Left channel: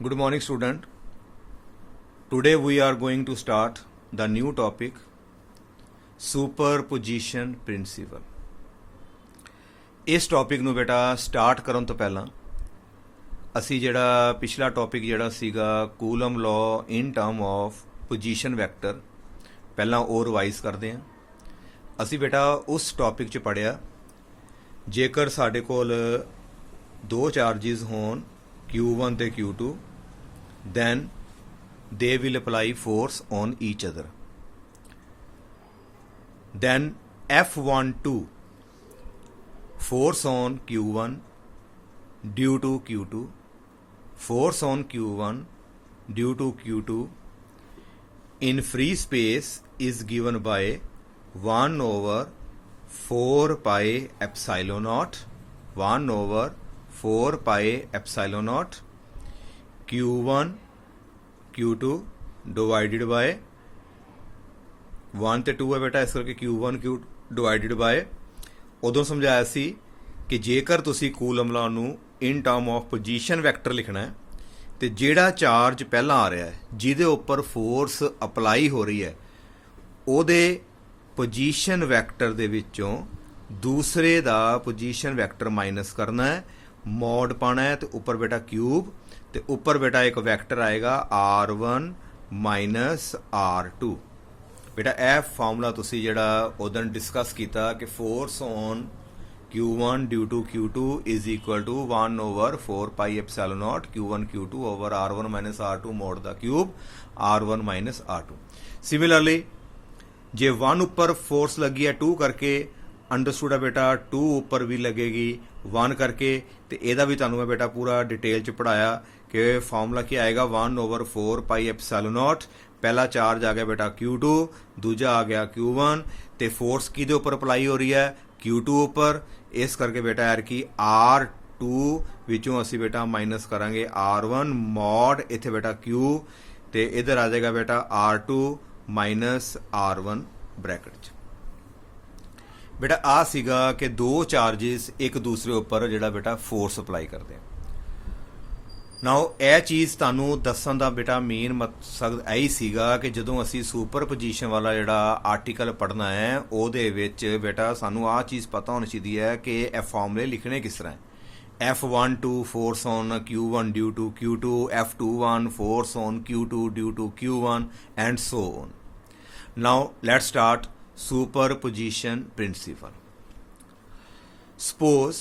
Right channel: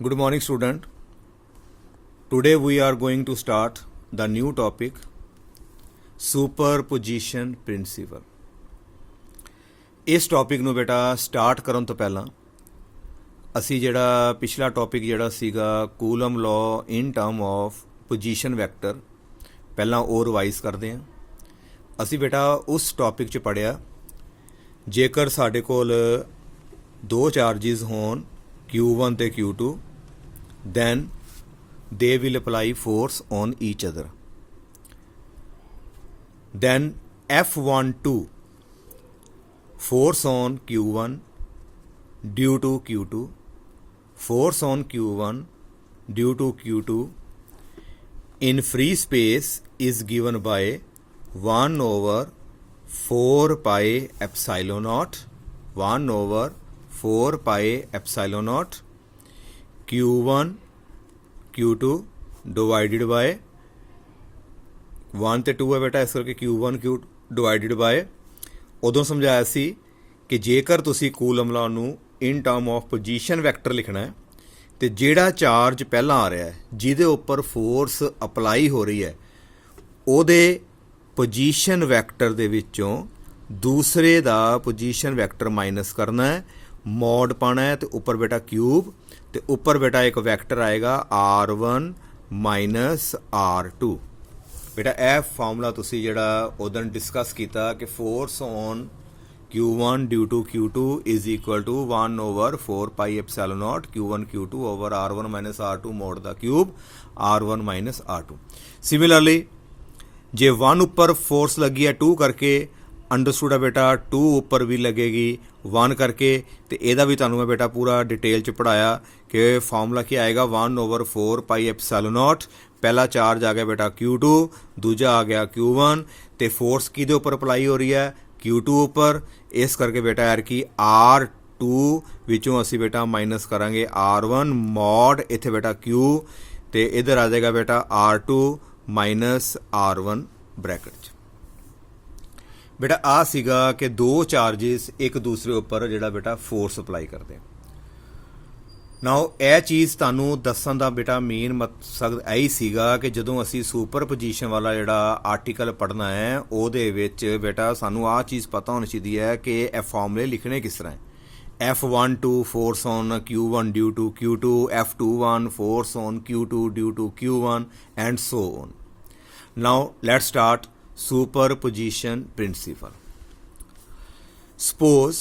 Good morning, student. Today we are going to start the new topic, superposition principle. ਇਸ topic ਨੂੰ ਬੇਟਾ start ਕਰਨ ਤੋਂ ਪਹਿਲਾਂ ਅਸੀਂ ਜਿਹੜਾ ਪਿਛਲਾ ਟੌਪਿਕ ਜਿਹੜਾ ਸੀਗਾ Coulomb law in term of position vector ਪਹਿਲਾਂ ਉਹ ਰਿਵਾਈਜ਼ ਕਰਦੇ ਹਾਂ। ਅਸੀਂ ਬੇਟਾ ਉਸ ਟੌਪਿਕ 'ਚ ਪੜ੍ਹਿਆ ਜੇਕਰ ਸਾਡੇ ਕੋਲ ਦੋ ਚਾਰਜਿਸ ਹੋਣ Q1 ਤੇ Q2 then they will apply force on each other. Then F12 force on Q1 due to Q2, force on Q1 due to Q2 in free space is given by 1 over 4 pi epsilon naught, 1 over 4 pi epsilon naught Q1 Q2 divided by 1 ਤੇ 2 ਹੈ ਬੇਟਾ, ਇਸ ਕਰਕੇ Q1 Q ਡਿਵਾइडेड ਬਾय ਉਦੋਂ ਸਮਝਾਇਆ ਸੀ ਕਿ ਜੇਕਰ ਤੁਸੀਂ ਕੂਲਮ ਲਾਅ ਨੂੰ ਇਨ ਟਰਮ ਆਫ ਪੋਜੀਸ਼ਨ ਵੈਕਟਰ ਲਿਖਣਾ ਹੈ ਤੇ ਜਿਹੜਾ ਚਾਰਜ ਪਹਿਲਾਂ ਆ ਰਿਹਾ ਹੈ ਜਿਹਦੇ ਉੱਪਰ ਫੋਰਸ ਅਪਲਾਈ ਹੋ ਰਹੀ ਹੈ ਉਹਦੇ ਪੋਜੀਸ਼ਨ ਵੈਕਟਰ ਦੇ ਵਿੱਚੋਂ ਦੂਸਰੇ ਦਾ ਪੋਜੀਸ਼ਨ ਵੈਕਟਰ ਮਾਈਨਸ ਕਰਨਾ ਹੈ, ਮੋਡ ਪਾਉਣਾ ਹੈ ਤੇ ਉੱਪਰ ਬੇਟਾ ਕਿਊਬ ਤੇ ਉੱਪਰ ਬੇਟਾ ਇੱਕ ਵੈਕਟਰ ਆਏਗਾ R1 ਮਾਈਨਸ R2। ਬੇਟਾ ਇਹ ਫਾਰਮੂਲਾ ਤੁਸੀਂ ਜਿਹੜਾ ਉਦੋਂ ਡਿਸਕਸ ਕੀਤਾ ਕਿ force on Q1 due to Q2 is equal to 1 over 4 pi epsilon nought Q1 Q2 over R1 minus R2 mod ਦਾ cube R1 minus R2। Similarly ਜੇ 1 ਉੱਪਰ ਫੋਰਸ ਲੱਗੀ ਹੈ 2 ਕਰਕੇ ਅੰਡਰਸਟੂਡ ਹੈ ਬੇਟਾ 2 ਉੱਪਰ ਵੀ ਲੱਗੇਗੀ 1 ਕਰਕੇ ਤੇ ਇਹਦਾ ਵੀ ਤੁਹਾਨੂੰ ਮੈਂ ਬੇਟਾ ਪੂਰਾ ਡਿਟੇਲ 'ਚ ਪੜ੍ਹਾਇਆ ਕਿ ਫਾਰਮੂਲਾ ਕੀ ਆਏਗਾ 1 ਓਵਰ 4 ਪਾਈ ਐਪਸੀਲੋਨ ਨੋਟ। ਪਹਿਲਾ ਚਾਰਜ ਆ ਗਿਆ ਬੇਟਾ Q2, ਦੂਜਾ ਆ ਗਿਆ Q1 ਤੇ ਫੋਰਸ ਕਿਹਦੇ ਉੱਪਰ ਅਪਲਾਈ ਹੋ ਰਹੀ ਹੈ Q2 ਉੱਪਰ, ਇਸ ਕਰਕੇ ਬੇਟਾ ਯਾਰ ਕਿ R2 ਵਿੱਚੋਂ ਅਸੀਂ ਬੇਟਾ ਮਾਈਨਸ ਕਰਾਂਗੇ R1 ਮੋਡ ਇੱਥੇ ਬੇਟਾ Q ਤੇ ਇੱਧਰ ਆ ਜਾਏਗਾ ਬੇਟਾ R2 ਮਾਈਨਸ R1 ਬ੍ਰੈਕਟ 'ਚ। ਬੇਟਾ ਆ ਸੀਗਾ ਕਿ ਦੋ ਚਾਰਜਿਸ ਇੱਕ ਦੂਸਰੇ ਉੱਪਰ ਜਿਹੜਾ ਬੇਟਾ ਫੋਰਸ ਅਪਲਾਈ ਕਰਦੇ ਆ। ਨਾਓ ਇਹ ਚੀਜ਼ ਤੁਹਾਨੂੰ ਦੱਸਣ ਦਾ ਬੇਟਾ ਮੇਨ ਮਕਸਦ ਇਹੀ ਸੀਗਾ ਕਿ ਜਦੋਂ ਅਸੀਂ ਸੁਪਰ ਪੋਜੀਸ਼ਨ ਵਾਲਾ ਜਿਹੜਾ ਆਰਟੀਕਲ ਪੜ੍ਹਨਾ ਹੈ ਉਹਦੇ ਵਿੱਚ ਬੇਟਾ ਸਾਨੂੰ ਆਹ ਚੀਜ਼ ਪਤਾ ਹੋਣੀ ਚਾਹੀਦੀ ਹੈ ਕਿ ਇਹ ਫਾਰਮੂਲੇ ਲਿਖਣੇ ਕਿਸ ਤਰ੍ਹਾਂ ਹੈ। F12 force on Q1 due to Q2, F21 force on Q2 due to Q1 and so on. Now let's start superposition principle. Suppose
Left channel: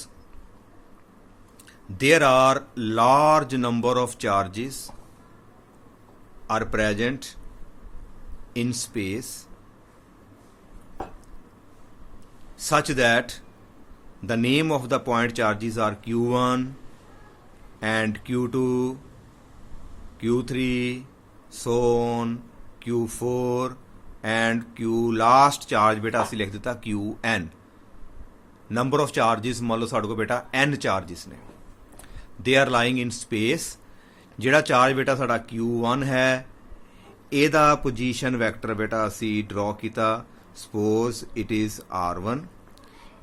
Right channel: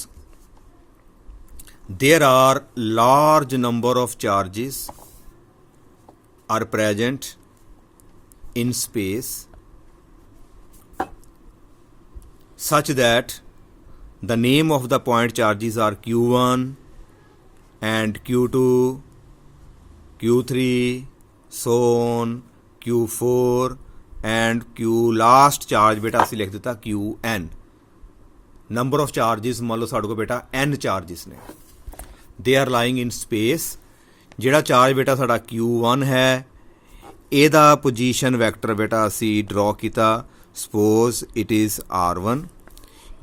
there are large number of charges are present in space such that the name of the point charges are Q1 and Q2, Q3, so on, Q4 and Q last charge ਬੇਟਾ ਅਸੀਂ ਲਿਖ ਦਿੱਤਾ QN। Number of charges ਮੰਨ ਲਓ ਸਾਡੇ ਕੋਲ ਬੇਟਾ N charges ਨੇ, they are lying in space. ਜਿਹੜਾ ਚਾਰਜ ਬੇਟਾ ਸਾਡਾ Q1 ਹੈ ਇਹਦਾ ਪੋਜੀਸ਼ਨ ਵੈਕਟਰ ਬੇਟਾ ਅਸੀਂ ਡਰਾ ਕੀਤਾ, ਸਪੋਜ਼ ਇਟ ਇਜ਼ R1।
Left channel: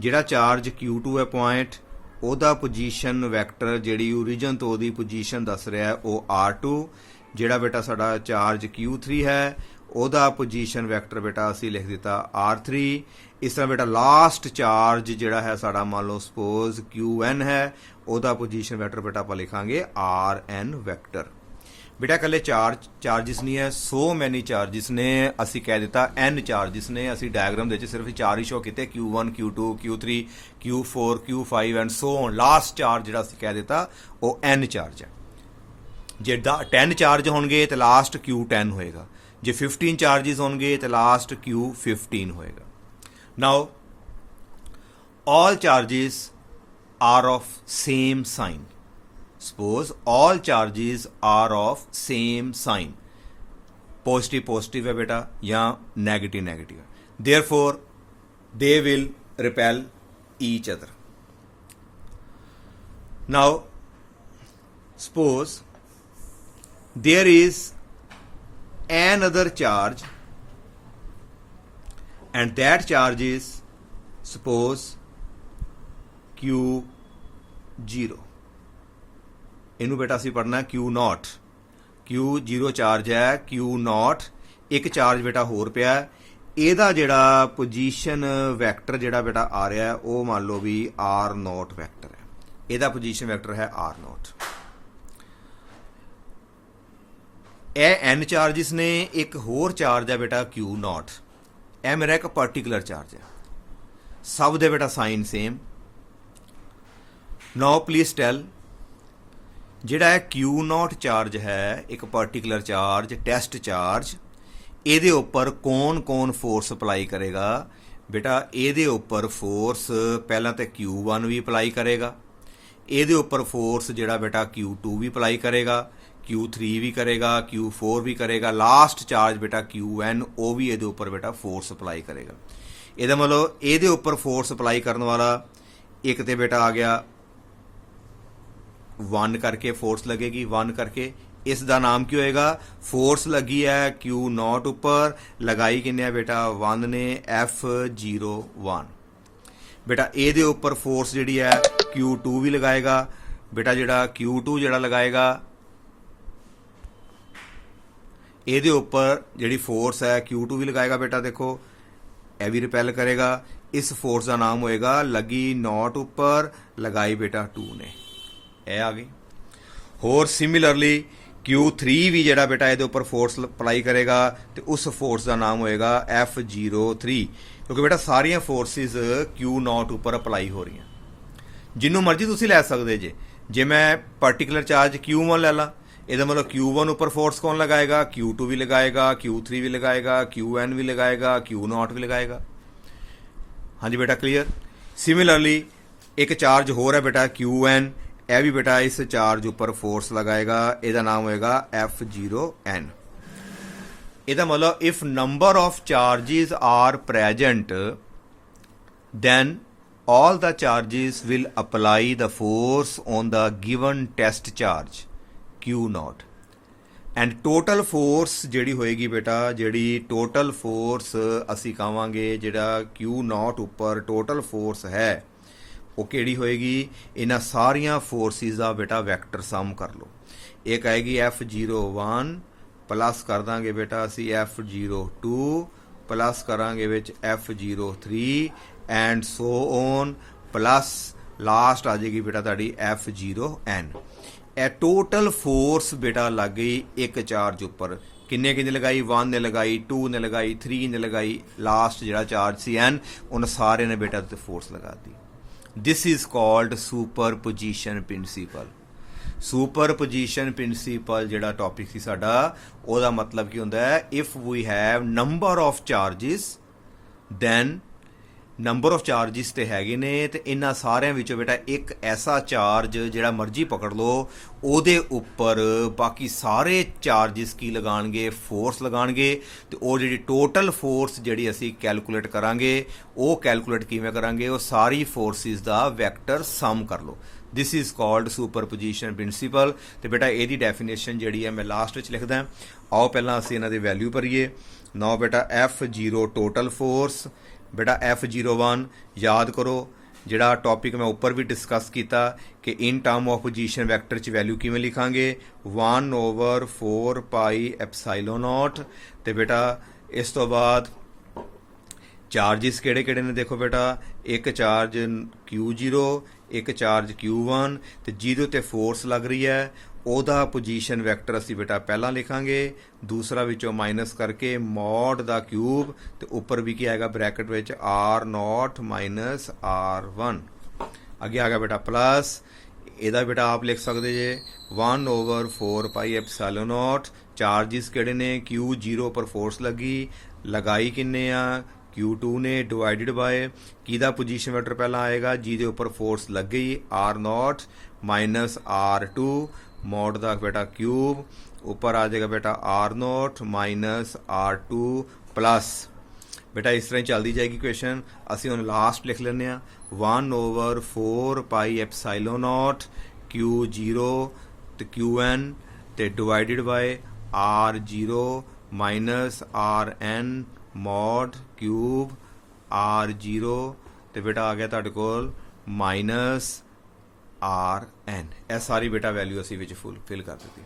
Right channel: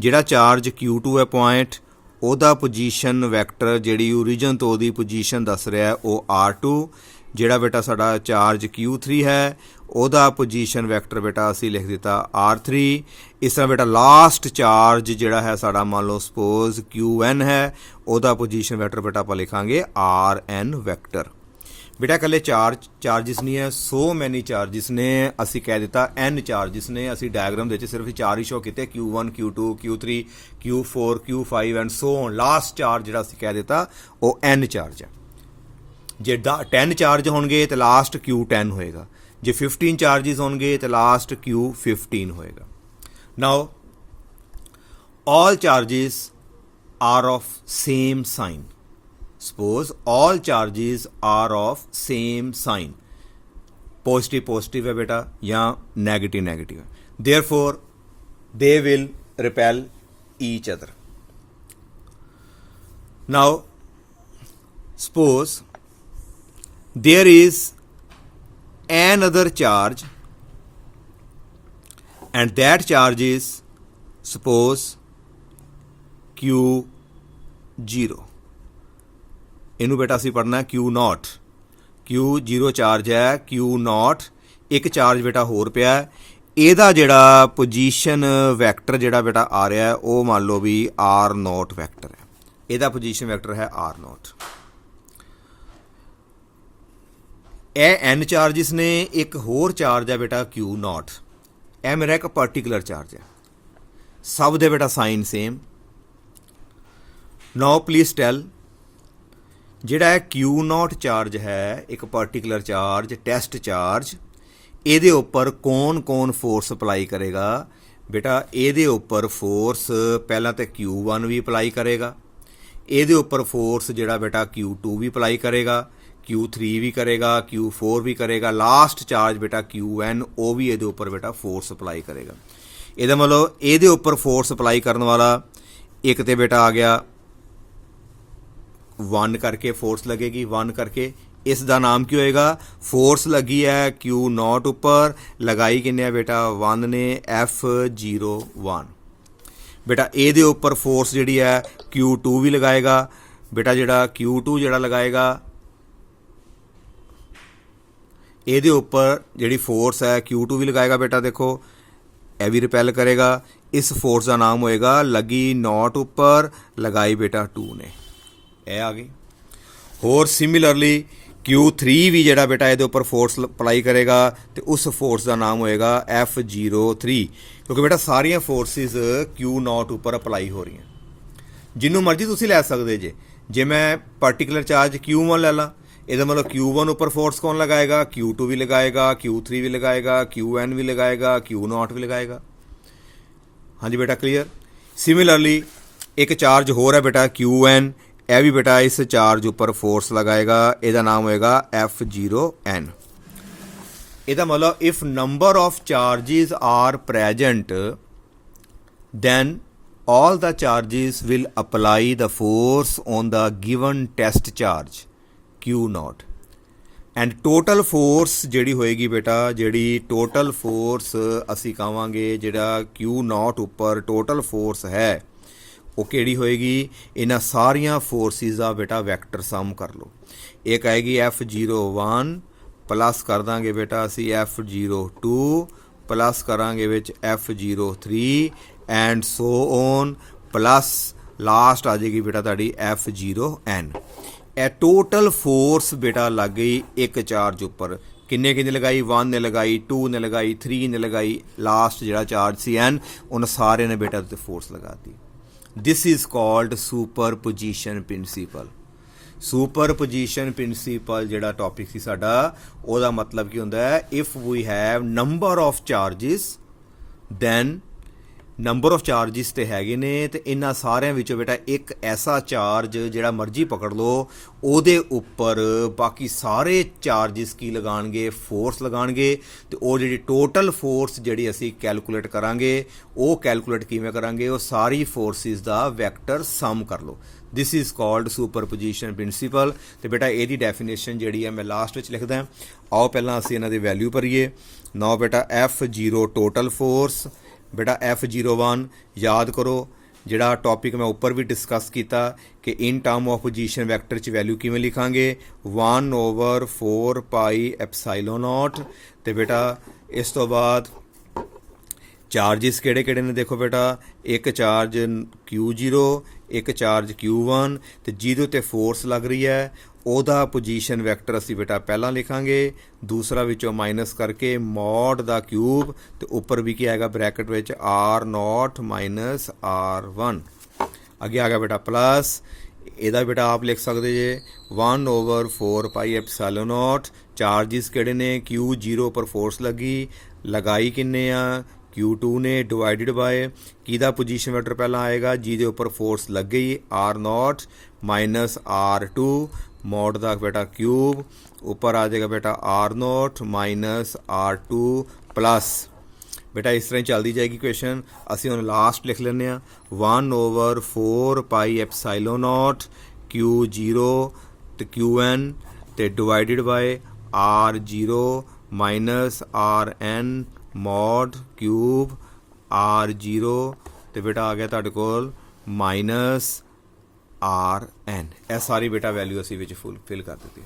ਜਿਹੜਾ ਚਾਰਜ Q2 ਹੈ ਪੁਆਇੰਟ ਉਹਦਾ ਪੋਜੀਸ਼ਨ ਵੈਕਟਰ ਜਿਹੜੀ ਓਰੀਜਨ ਤੋਂ ਉਹਦੀ ਪੋਜੀਸ਼ਨ ਦੱਸ ਰਿਹਾ ਉਹ R2। ਜਿਹੜਾ ਬੇਟਾ ਸਾਡਾ ਚਾਰਜ Q3 ਹੈ ਉਹਦਾ ਪੋਜੀਸ਼ਨ ਵੈਕਟਰ ਬੇਟਾ ਅਸੀਂ ਲਿਖ ਦਿੱਤਾ R3। ਇਸ ਤਰ੍ਹਾਂ ਬੇਟਾ ਲਾਸਟ ਚਾਰਜ ਜਿਹੜਾ ਹੈ ਸਾਡਾ ਮੰਨ ਲਓ ਸਪੋਜ਼ QN ਹੈ ਉਹਦਾ ਪੋਜੀਸ਼ਨ ਵੈਕਟਰ ਬੇਟਾ ਆਪਾਂ ਲਿਖਾਂਗੇ RN ਵੈਕਟਰ। ਬੇਟਾ ਇਕੱਲੇ ਚਾਰਜਿਸ ਨਹੀਂ ਹੈ, ਸੋ ਮੈਨੀ ਚਾਰਜਿਸ ਨੇ, ਅਸੀਂ ਕਹਿ ਦਿੱਤਾ N ਚਾਰਜਿਸ ਨੇ। ਅਸੀਂ ਡਾਇਗਰਾਮ ਦੇ ਵਿੱਚ ਸਿਰਫ 4 ਹੀ ਸ਼ੋ ਕੀਤੇ Q1 Q2 Q3 Q4 Q5 and so on. Last charge ਜਿਹੜਾ ਅਸੀਂ ਕਹਿ ਦਿੱਤਾ ਉਹ N ਚਾਰਜ ਹੈ। ਜੇ 10 ਚਾਰਜ ਹੋਣਗੇ ਤੇ ਲਾਸਟ Q10 ਹੋਏਗਾ, ਜੇ 15 ਚਾਰਜਿਸ ਹੋਣਗੇ ਤੇ ਲਾਸਟ Q15 ਹੋਏਗਾ। ਨਾਓ all charges are of same sign. Suppose all charges are of same sign. Positive positive है बेटा या negative negative. Therefore they will repel each other. Now suppose there is another charge and that charge is suppose Q0। ਇਹਨੂੰ ਬੇਟਾ ਅਸੀਂ ਪੜ੍ਹਨਾ Q0। Q0 charge ਹੈ, Q0 ਇੱਕ charge ਬੇਟਾ ਹੋਰ ਪਿਆ। ਇਹਦਾ ਜਿਹੜਾ ਪੋਜੀਸ਼ਨ ਵੈਕਟਰ ਜਿਹੜਾ ਬੇਟਾ ਆ ਰਿਹਾ ਹੈ ਉਹ ਮੰਨ ਲਓ ਵੀ R0 ਵੈਕਟਰ ਹੈ। ਇਹਦਾ ਪੋਜੀਸ਼ਨ ਵੈਕਟਰ ਹੈ R0। ਇਹ n ਚਾਰਜਿਸ ਨੇ, ਇੱਕ ਹੋਰ ਚਾਰਜ ਹੈ ਬੇਟਾ Q0। ਇਹ ਮੇਰਾ ਇੱਕ ਪਾਰਟੀਕੂਲਰ ਚਾਰਜ ਹੈ, ਸਭ ਦੇ ਬੇਟਾ ਸਾਈਨ ਸੇਮ। ਨਾਓ ਪਲੀਜ਼ ਟੈਲ, ਜਿਹੜਾ ਇਹ Q0 ਚਾਰਜ ਹੈ, ਇੱਕ ਪਾਰਟੀਕੂਲਰ ਚਾਰਜ, ਟੈਸਟ ਚਾਰਜ, ਇਹਦੇ ਉੱਪਰ ਕੌਣ ਫੋਰਸ ਅਪਲਾਈ ਕਰੇਗਾ ਬੇਟਾ? ਇਹਦੇ ਉੱਪਰ ਫੋਰਸ ਪਹਿਲਾਂ ਤਾਂ Q1 ਵੀ ਅਪਲਾਈ ਕਰੇਗਾ, ਇਹਦੇ ਉੱਪਰ ਫੋਰਸ ਜਿਹੜਾ ਬੇਟਾ Q2 ਵੀ ਅਪਲਾਈ ਕਰੇਗਾ, Q3 ਵੀ ਕਰੇਗਾ, Q4 ਵੀ ਕਰੇਗਾ, ਲਾਸਟ ਚਾਰਜ ਬੇਟਾ Qn ਉਹ ਵੀ ਇਹਦੇ ਉੱਪਰ ਬੇਟਾ ਫੋਰਸ ਅਪਲਾਈ ਕਰੇਗਾ। ਇਹਦਾ ਮਤਲਬ ਇਹਦੇ ਉੱਪਰ ਫੋਰਸ ਅਪਲਾਈ ਕਰਨ ਵਾਲਾ ਇੱਕ ਤੇ ਬੇਟਾ ਆ ਗਿਆ 1 ਕਰਕੇ ਫੋਰਸ ਲੱਗੇਗੀ, 1 ਕਰਕੇ। ਇਸ ਦਾ ਨਾਮ ਕੀ ਹੋਏਗਾ? ਫੋਰਸ ਲੱਗੀ ਹੈ Q0 ਉੱਪਰ, ਲਗਾਈ ਕਿੰਨੇ ਆ ਬੇਟਾ? 1 ਨੇ, F01 ਬੇਟਾ। ਇਹਦੇ ਉੱਪਰ ਫੋਰਸ ਜਿਹੜੀ ਹੈ Q2 ਵੀ ਲਗਾਏਗਾ ਬੇਟਾ। ਜਿਹੜਾ Q2 ਜਿਹੜਾ ਲਗਾਏਗਾ, ਇਹਦੇ ਉੱਪਰ ਜਿਹੜੀ ਫੋਰਸ ਹੈ Q2 ਵੀ ਲਗਾਏਗਾ ਬੇਟਾ। ਦੇਖੋ ਇਹ ਵੀ ਰਿਪੈਲ ਕਰੇਗਾ। ਇਸ ਫੋਰਸ ਦਾ ਨਾਮ ਹੋਏਗਾ ਲੱਗੀ ਨੋਟ ਉੱਪਰ, ਲਗਾਈ ਬੇਟਾ 2 ਨੇ। ਇਹ ਆ ਗਈ। ਹੋਰ ਸਿਮਿਲਰਲੀ Q3 ਵੀ ਜਿਹੜਾ ਬੇਟਾ ਇਹਦੇ ਉੱਪਰ ਫੋਰਸ ਅਪਲਾਈ ਕਰੇਗਾ ਤੇ ਉਸ ਫੋਰਸ ਦਾ ਨਾਮ ਹੋਏਗਾ F03, ਕਿਉਂਕਿ ਬੇਟਾ ਸਾਰੀਆਂ ਫੋਰਸਿਸ Q0 ਉੱਪਰ ਅਪਲਾਈ ਹੋ ਰਹੀਆਂ। ਜਿਹਨੂੰ ਮਰਜ਼ੀ ਤੁਸੀਂ ਲੈ ਸਕਦੇ ਜੇ ਮੈਂ ਪਾਰਟੀਕੂਲਰ ਚਾਰਜ Q1 ਲੈ ਲਾਂ, ਇਹਦਾ ਮਤਲਬ Q1 ਉੱਪਰ ਫੋਰਸ ਕੌਣ ਲਗਾਏਗਾ? Q2 ਵੀ ਲਗਾਏਗਾ, Q3 ਵੀ ਲਗਾਏਗਾ, Qn ਵੀ ਲਗਾਏਗਾ, Q0 ਵੀ ਲਗਾਏਗਾ। ਹਾਂਜੀ ਬੇਟਾ ਕਲੀਅਰ। ਸਿਮਿਲਰਲੀ ਇੱਕ ਚਾਰਜ ਹੋਰ ਹੈ ਬੇਟਾ Qn, ਇਹ ਵੀ ਬੇਟਾ ਇਸ ਚਾਰਜ ਉੱਪਰ ਫੋਰਸ ਲਗਾਏਗਾ, ਇਹਦਾ ਨਾਮ ਹੋਏਗਾ F0n। ਇਹਦਾ ਮਤਲਬ if number of charges are present then all the charges will apply the force on the given test charge Q0 and total force ਜਿਹੜੀ ਹੋਏਗੀ ਬੇਟਾ, ਜਿਹੜੀ ਟੋਟਲ ਫੋਰਸ ਅਸੀਂ ਕਹਾਂਗੇ ਜਿਹੜਾ Q0 ਉੱਪਰ ਟੋਟਲ ਫੋਰਸ ਹੈ ਉਹ ਕਿਹੜੀ ਹੋਏਗੀ? ਇਹਨਾਂ ਸਾਰੀਆਂ ਫੋਰਸਿਸ ਦਾ ਬੇਟਾ ਵੈਕਟਰ ਸਮ ਕਰ ਲਓ। ਇੱਕ ਆਏਗੀ F01 ਪਲੱਸ ਕਰ ਦਾਂਗੇ ਬੇਟਾ ਅਸੀਂ F02 ਪਲੱਸ ਕਰਾਂਗੇ ਵਿੱਚ F03 and so on plus last ਆ ਜਾਏਗੀ ਬੇਟਾ ਤੁਹਾਡੀ F0n। ਇਹ ਟੋਟਲ ਫੋਰਸ ਬੇਟਾ ਲੱਗ ਗਈ ਇੱਕ ਚਾਰਜ ਉੱਪਰ। ਕਿੰਨੇ ਲਗਾਈ? 1 ਨੇ ਲਗਾਈ, 2 ਨੇ ਲਗਾਈ, 3 ਨੇ ਲਗਾਈ, ਲਾਸਟ ਜਿਹੜਾ ਚਾਰਜ ਸੀ n ਉਹਨਾਂ ਸਾਰਿਆਂ ਨੇ ਬੇਟਾ ਤੇ ਫੋਰਸ ਲਗਾਤੀ। This is called superposition principle. Superposition principle ਜਿਹੜਾ ਟੌਪਿਕ ਸੀ ਸਾਡਾ, ਉਹਦਾ ਮਤਲਬ ਕੀ ਹੁੰਦਾ ਹੈ? If we have number of charges then number of charges ਤੇ ਹੈਗੇ ਨੇ ਤੇ ਇਹਨਾਂ ਸਾਰਿਆਂ ਵਿੱਚੋਂ ਬੇਟਾ ਇੱਕ ਐਸਾ ਚਾਰਜ ਜਿਹੜਾ ਮਰਜ਼ੀ ਪਕੜ ਲਓ, ਉਹਦੇ ਉੱਪਰ ਬਾਕੀ ਸਾਰੇ ਚਾਰजेस ਕੀ ਲਗਾਣਗੇ? ਫੋਰਸ ਲਗਾਣਗੇ। ਤੇ ਉਹ ਜਿਹੜੀ ਟੋਟਲ ਫੋਰਸ ਜਿਹੜੀ ਅਸੀਂ ਕੈਲਕੂਲੇਟ ਕਰਾਂਗੇ, ਉਹ ਕੈਲਕੂਲੇਟ ਕਿਵੇਂ ਕਰਾਂਗੇ? ਉਹ ਸਾਰੀ ਫੋਰਸਿਸ ਦਾ ਵੈਕਟਰ ਸਮ ਕਰ ਲਓ। This is called superposition principle. ਤੇ ਬੇਟਾ ਇਹਦੀ ਡੈਫੀਨੇਸ਼ਨ ਜਿਹੜੀ ਹੈ ਮੈਂ ਲਾਸਟ ਵਿੱਚ ਲਿਖਦਾ। ਆਓ ਪਹਿਲਾਂ ਅਸੀਂ ਇਹਨਾਂ ਦੀ ਵੈਲਿਊ ਭਰੀਏ। ਨਾਓ ਬੇਟਾ F0 ਟੋਟਲ ਫੋਰਸ ਬੇਟਾ F01 ਯਾਦ ਕਰੋ, ਜਿਹੜਾ ਟੌਪਿਕ ਮੈਂ ਉੱਪਰ ਵੀ ਡਿਸਕਸ ਕੀਤਾ ਕਿ ਇਨ ਟਰਮ ਆਫ ਪੋਜੀਸ਼ਨ ਵੈਕਟਰ 'ਚ ਵੈਲਿਊ ਕਿਵੇਂ ਲਿਖਾਂਗੇ? 1/4 ਪਾਈ ਐਪਸਾਈਲੋਨ ਨੋਟ। ਤੇ ਬੇਟਾ ਇਸ ਤੋਂ ਬਾਅਦ ਚਾਰजेस ਕਿਹੜੇ ਨੇ? ਦੇਖੋ ਬੇਟਾ ਇੱਕ ਚਾਰਜ Q0, ਇੱਕ ਚਾਰਜ Q1 ਤੇ ਜਿਹਦੇ ਤੇ ਫੋਰਸ ਲੱਗ ਰਹੀ ਹੈ ਉਹਦਾ ਪੋਜੀਸ਼ਨ ਵੈਕਟਰ ਅਸੀਂ ਬੇਟਾ ਪਹਿਲਾਂ ਲਿਖਾਂਗੇ, ਦੂਸਰਾ ਵਿੱਚੋਂ ਮਾਈਨਸ ਕਰਕੇ ਮੋਡ ਦਾ ਕਿਊਬ ਤੇ ਉੱਪਰ ਵੀ ਕੀ ਆਏਗਾ ਬ੍ਰੈਕਟ ਵਿੱਚ R0 ਮਾਈਨਸ R1। ਅੱਗੇ ਆ ਗਿਆ ਬੇਟਾ ਪਲੱਸ, ਇਹਦਾ ਬੇਟਾ ਆਪ ਲਿਖ ਸਕਦੇ ਜੇ 1/4 ਪਾਈ ਐਪਸਾਈਲੋਨ ਨੋਟ। ਚਾਰजेस ਕਿਹੜੇ ਨੇ? Q0 ਉੱਪਰ ਫੋਰਸ ਲੱਗੀ, ਲਗਾਈ ਕਿੰਨੇ ਆ? Q2 ਨੇ, ਡਿਵਾਈਡਡ ਬਾਏ ਕਿਹਦਾ ਪੋਜੀਸ਼ਨ ਵੈਕਟਰ ਪਹਿਲਾਂ ਆਏਗਾ? ਜਿਹਦੇ ਉੱਪਰ ਫੋਰਸ ਲੱਗ ਗਈ R0 ਮਾਈਨਸ R2 ਮੋਡ ਦਾ ਬੇਟਾ ਕਿਊਬ, ਉੱਪਰ ਆ ਜਾਏਗਾ ਬੇਟਾ R0 ਮਾਈਨਸ R2 ਪਲੱਸ। ਬੇਟਾ ਇਸ ਤਰ੍ਹਾਂ ਹੀ ਚੱਲਦੀ ਜਾਏਗੀ ਕੁਐਸਚਨ। ਅਸੀਂ ਹੁਣ ਲਾਸਟ ਲਿਖ ਲੈਂਦੇ ਹਾਂ 1/4 ਪਾਈ ਐਪਸਾਈਲੋਨ ਨੋਟ Q0 ਤੇ Qn ਤੇ divided by R0 minus Rn mod cube R0 ਤੇ ਬੇਟਾ ਆ ਗਿਆ ਤੁਹਾਡੇ ਕੋਲ ਮਾਈਨਸ Rn। ਇਹ ਸਾਰੀ ਬੇਟਾ ਵੈਲਿਊ ਅਸੀਂ ਵਿੱਚ ਫਿਲ ਕਰ ਦਿੱਤੀ।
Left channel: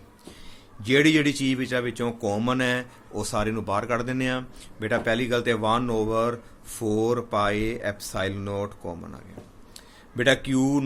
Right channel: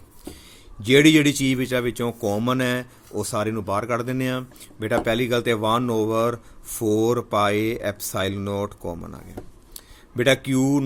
ਜਿਹੜੀ ਚੀਜ਼ ਵਿੱਚੋਂ ਕਾਮਨ ਹੈ ਉਹ ਸਾਰੇ ਨੂੰ ਬਾਹਰ ਕੱਢ ਦਿੰਦੇ ਆ। ਬੇਟਾ ਪਹਿਲੀ ਗੱਲ ਤੇ 1/4 ਪਾਈ ਐਪਸਾਈਲਨ ਨੋਟ ਕਾਮਨ ਆ ਗਿਆ। ਬੇਟਾ Q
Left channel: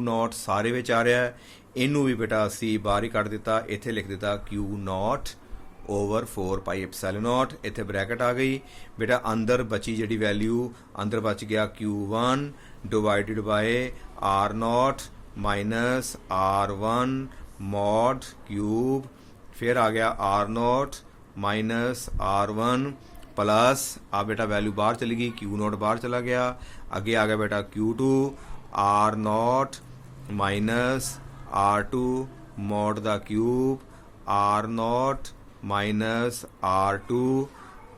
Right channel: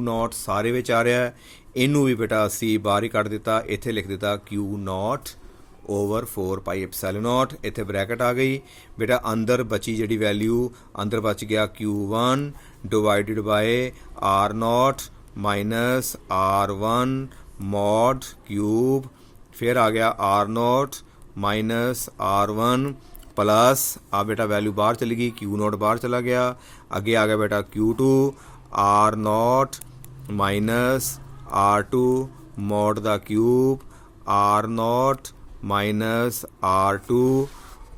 ਨੋਟ ਸਾਰੇ ਵਿੱਚ ਆ ਰਿਹਾ, ਇਹਨੂੰ ਵੀ ਬੇਟਾ ਅਸੀਂ ਬਾਹਰ ਹੀ ਕੱਢ ਦਿੱਤਾ, ਇੱਥੇ ਲਿਖ ਦਿੱਤਾ Q0/4 ਪਾਈ ਐਪਸਾਈਲਨ ਨੋਟ, ਇੱਥੇ ਬ੍ਰੈਕਟ ਆ ਗਈ। ਬੇਟਾ ਅੰਦਰ ਬਚੀ ਜਿਹੜੀ ਵੈਲਿਊ, ਅੰਦਰ ਬਚ ਗਿਆ Q1 divided by R0 minus R1 mod cube, ਫਿਰ ਆ ਗਿਆ R0 ਮਾਈਨਸ R1 प्लस आ बेटा वैल्यू बाहर चली गई, Q0 बाहर चला गया। आगे आ गया बेटा Q2 R0 minus R2 mod the cube, R0 minus R2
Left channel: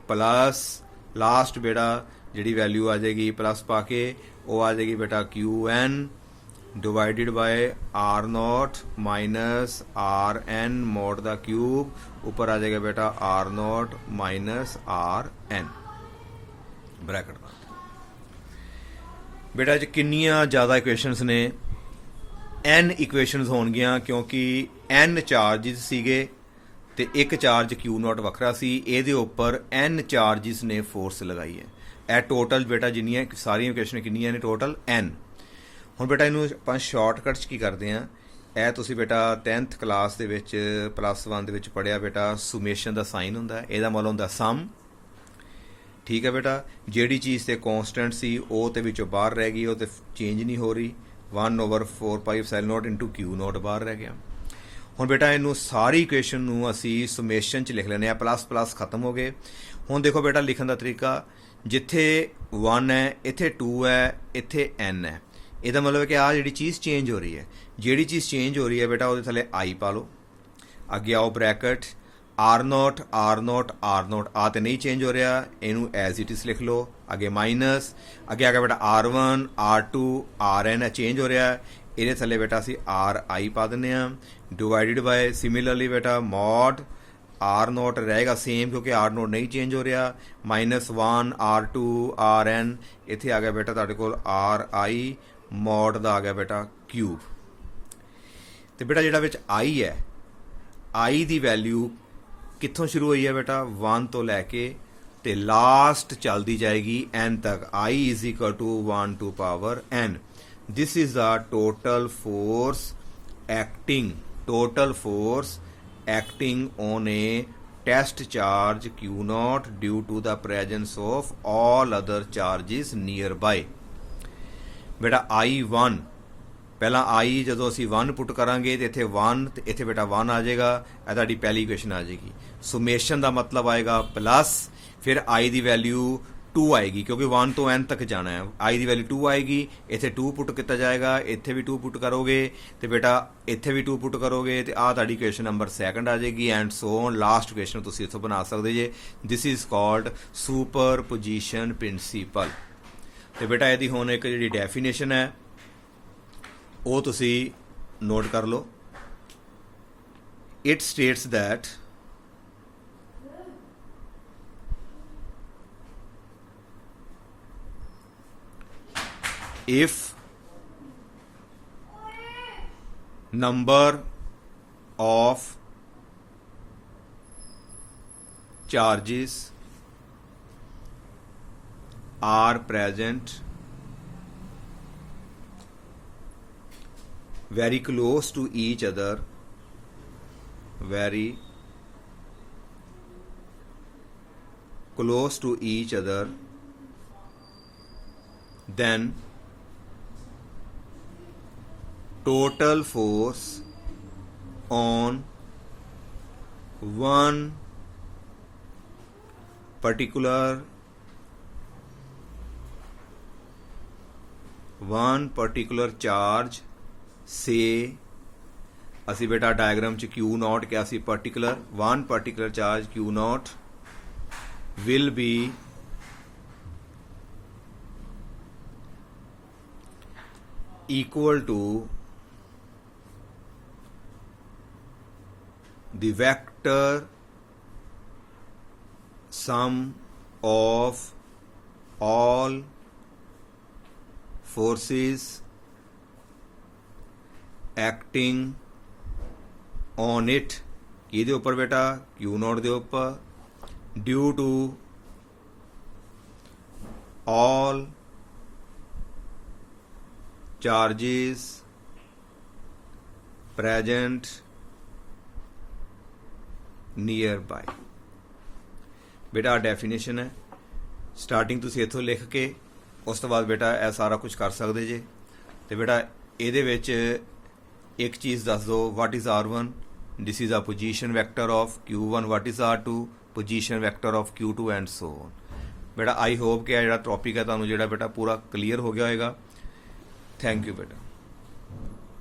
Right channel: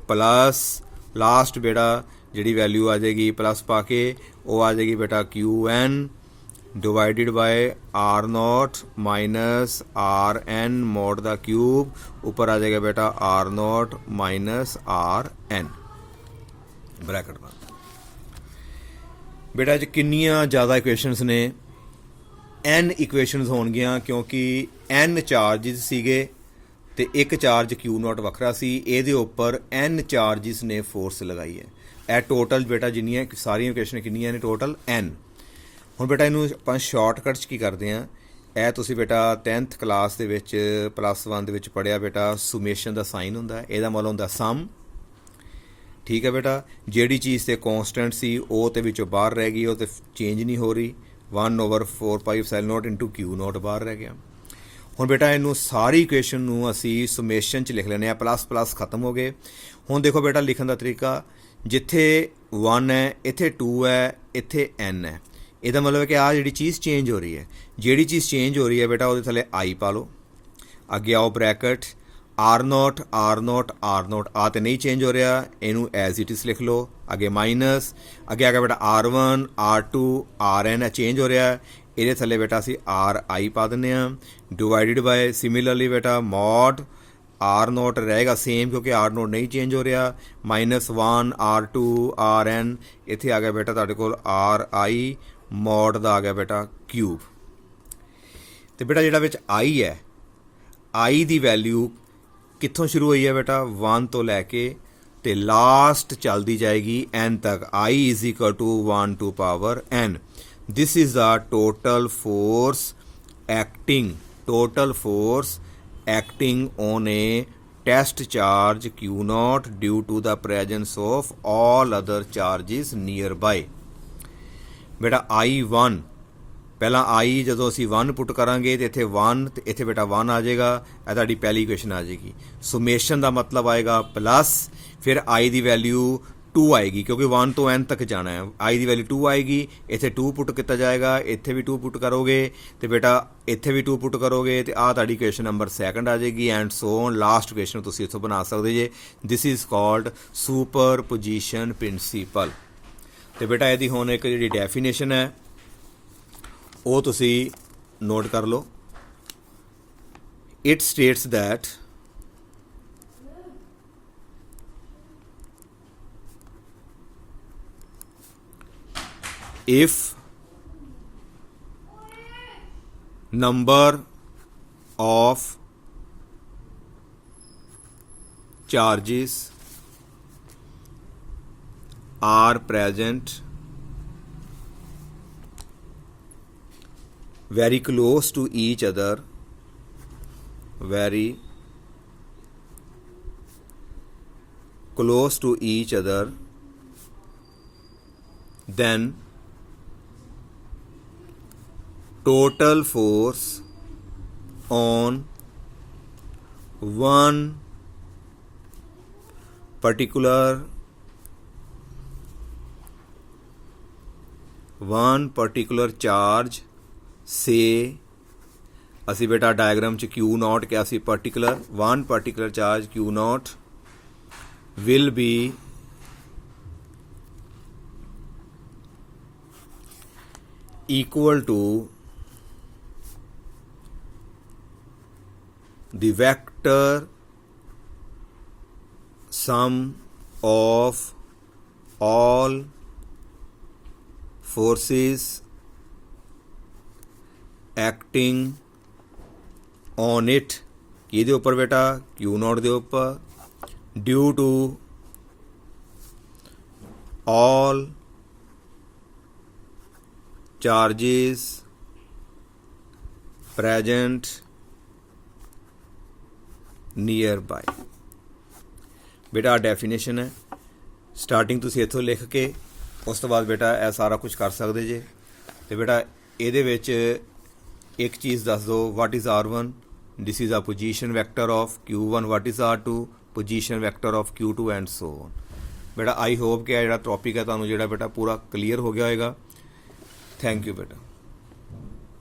plus last बेटा जी वैल्यू आ जाएगी प्लस पा के वो आ जाएगी बेटा QN divided by R0 minus RN mod the cube, ऊपर आ जाएगा बेटा R0 माइनस RN ब्रैकेट बंद। बेटा किन्नियां ज़्यादा इक्वेशनस ने, N इक्वेशनस होणगियां क्योंकि N चार्जिस सीगे ते एक चार्ज Q0 वखरा सी, ਇਹਦੇ ਉੱਪਰ N चार्जिस ने फोर्स लगाई है। ਇਹ टोटल बेटा जिन्नियां सारियां इक्वेशन किन्नियां ने टोटल N। ਹੁਣ ਬੇਟਾ ਇਹਨੂੰ ਆਪਾਂ ਸ਼ਾਰਟਕਟ 'ਚ ਕੀ ਕਰਦੇ ਹਾਂ, ਇਹ ਤੁਸੀਂ ਬੇਟਾ 10th ਕਲਾਸ ਦੇ ਵਿੱਚ +1 ਦੇ ਵਿੱਚ ਪੜ੍ਹਿਆ ਬੇਟਾ, ਸੁਮੇਸ਼ਨ ਦਾ ਸਾਈਨ ਹੁੰਦਾ, ਇਹਦਾ ਮਤਲਬ ਹੁੰਦਾ ਸਮ। ਠੀਕ ਹੈ ਬੇਟਾ, ਜਿਹੜੀ ਚੀਜ਼ ਤੇ ਕੌਂਸਟੈਂਟ ਸੀ ਉਹ ਤੇ ਵਿੱਚੋਂ ਬਾਹਰ ਰਹਿ ਗਈ, ਉਹ ਤੇ ਚੇਂਜ ਨਹੀਂ ਹੋ ਰਹੀ, 1/4 ਪਾਈ ਐਪਸਾਈਲਨ ਨੋਟ ਇਨਟੂ Q0 ਬਾਹਰ ਰਹਿ ਗਿਆ। ਹੁਣ ਬੇਟਾ ਇਹਨੂੰ ਸਾਰੀ ਇਕੁਏਸ਼ਨ ਨੂੰ ਅਸੀਂ ਸੁਮੇਸ਼ਨ 'ਚ ਲਿਖ ਲੈਂਦੇ ਹਾਂ, ਪਲੱਸ ਖਤਮ ਹੋ ਗਏ। ਹੁਣ ਦੇਖੋ ਬੇਟਾ ਲਿਖਣ ਦਾ ਤਰੀਕਾ, ਜਿੱਥੇ 1 ਹੈ ਇੱਥੇ 2 ਹੈ, ਇੱਥੇ N ਹੈ, ਇਹਦਾ ਮਤਲਬ ਹੈ ਕਿ ਆਹ ਜਿਹੜੀ ਚੀਜ਼ ਚੇਂਜ ਹੋ ਰਹੀ ਹੈ, ਜਿਹੜੀ ਚੀਜ਼ ਚੇਂਜ ਹੋ ਰਹੀ ਹੈ ਬੇਟਾ ਉਹਦੇ ਥੱਲੇ I ਪਾ ਲਓ। ਅੱਗੇ ਆਓ ਬ੍ਰੈਕਟ R0 ਆ ਤੇ ਨਹੀਂ ਚੇਂਜ ਹੋ ਰਿਹਾ, ਇਹਨੂੰ ਐਜ਼ ਇਟ ਇਜ਼ ਲਿਖ ਲਓ। ਅੱਗੇ ਮਾਈਨਸ, ਅੱਗੇ ਆ ਗਿਆ ਬੇਟਾ R1 R2 RN ਚੇਂਜ ਹੋ ਰਿਹਾ, ਇਹਦੇ ਥੱਲੇ ਬੇਟਾ ਅਸੀਂ RI ਪਾ ਦਿੰਦੇ ਹਾਂ, ਡਿਵਾਈਡਡ ਬਾਏ ਸਿਮਿਲਰਲੀ ਬੇਟਾ ਮੋਡ R0 ਰਹੇਗਾ ਸੇਮ ਕਿਉਂਕਿ R0 ਨਹੀਂ ਚੇਂਜ ਹੋ ਰਿਹਾ, -1 R2 RN, ਇੱਥੇ ਆ ਗਿਆ ਬੇਟਾ ਤੁਹਾਡੇ ਕੋਲ RI ਮੋਡ ਦਾ ਆ ਗਿਆ ਬੇਟਾ ਕਿਊਬ। ਤੇ ਬੇਟਾ ਜਿਹੜਾ ਵਿੱਚ I ਹੈ, I ਦੀ ਵੈਲਿਊ ਕਿੱਥੋਂ ਸ਼ੁਰੂ ਹੋਈ ਹੈ ਬੇਟਾ 1 ਤੋਂ ਲੈ ਕੇ ਤੇ ਲਾਸਟ ਚੱਲਦੀ ਜਾਏਗੀ N ਤੱਕ, I is equal to 1 to power N। This is the total force acting on a test charge Q0 due to the presence of all other charges nearby। बेटा I1 ਪਹਿਲਾਂ I ਜਦੋਂ ਅਸੀਂ 1 ਪੁੱਟ ਕਰਾਂਗੇ ਤੇ ਇੱਥੇ 1 ਤੇ ਇੱਥੇ ਬੇਟਾ 1 ਆ ਜਾਏਗਾ, ਇਹ ਤੁਹਾਡੀ ਪਹਿਲੀ ਇਕੁਏਸ਼ਨ ਆ ਜਾਏਗੀ। ਸੁਮੇਸ਼ਨ ਦਾ ਮਤਲਬ ਆਏਗਾ ਪਲੱਸ, ਫਿਰ I ਦੀ ਵੈਲਿਊ 2 ਆਏਗੀ ਕਿਉਂਕਿ 1 ਤੋਂ N ਤੱਕ ਜਾਣਾ ਹੈ, I ਦੀ ਵੈਲਿਊ 2 ਆਏਗੀ, ਇੱਥੇ 2 ਪੁੱਟ ਕੀਤਾ ਜਾਏਗਾ, ਇੱਥੇ ਵੀ 2 ਪੁੱਟ ਕਰੋਗੇ ਤੇ ਬੇਟਾ ਇੱਥੇ ਵੀ 2 ਪੁੱਟ ਕਰੋਗੇ ਤੇ ਆਹ ਤੁਹਾਡੀ ਇਕੁਏਸ਼ਨ ਨੰਬਰ 2 ਆ ਜਾਏਗੀ and so on. Last equation ਤੁਸੀਂ ਇੱਥੋਂ ਬਣਾ ਸਕਦੇ ਜੇ। This is called superposition principle. ਤੇ ਬੇਟਾ ਇਹਦੀ ਹੁਣ ਇੱਕ ਜਿਹੜੀ ਡੈਫੀਨੇਸ਼ਨ ਹੈ ਉਹ ਤੁਸੀਂ ਨੋਟ ਕਰ ਲਓ। It states that if number of charges are present very close to each other, very close to each other, then total force on one particular charge, say ਅਸੀਂ ਬੇਟਾ ਡਾਇਗਰਾਮ 'ਚ Q0 ਕਿਹਾ ਸੀ, particular one particular charge Q0 will be equal to the vector sum of all forces acting on it ਕਿਹਦੇ ਉੱਪਰ ਬੇਟਾ, Q0 ਦੇ ਉੱਪਰ, due to all charges present nearby। ਬੇਟਾ ਡੈਫੀਨੇਸ਼ਨ ਹੈ, ਸਟਾਰਟਿੰਗ ਤੁਸੀਂ ਇੱਥੋਂ ਲਿਖ ਕੇ ਉਸ ਤੋਂ ਬਾਅਦ ਬੇਟਾ ਇਹ ਸਾਰਾ ਕੁਝ ਕਰ ਸਕਦੇ ਜੇ। ਤੇ ਬੇਟਾ ਇਹਦੇ ਵਿੱਚ ਇੱਕ ਚੀਜ਼ ਦੱਸ ਦਿਓ, what is R1, this is ਆ position vector of Q1, what is R2, position vector of Q2 and so on. ਬੇਟਾ ਆਈ ਹੋਪ ਕਿ ਇਹ ਜਿਹੜਾ ਟੌਪਿਕ ਹੈ ਤੁਹਾਨੂੰ ਜਿਹੜਾ ਬੇਟਾ ਪੂਰਾ ਕਲੀਅਰ ਹੋ ਗਿਆ ਹੋਏਗਾ। ਥੈਂਕ ਯੂ ਬੇਟਾ।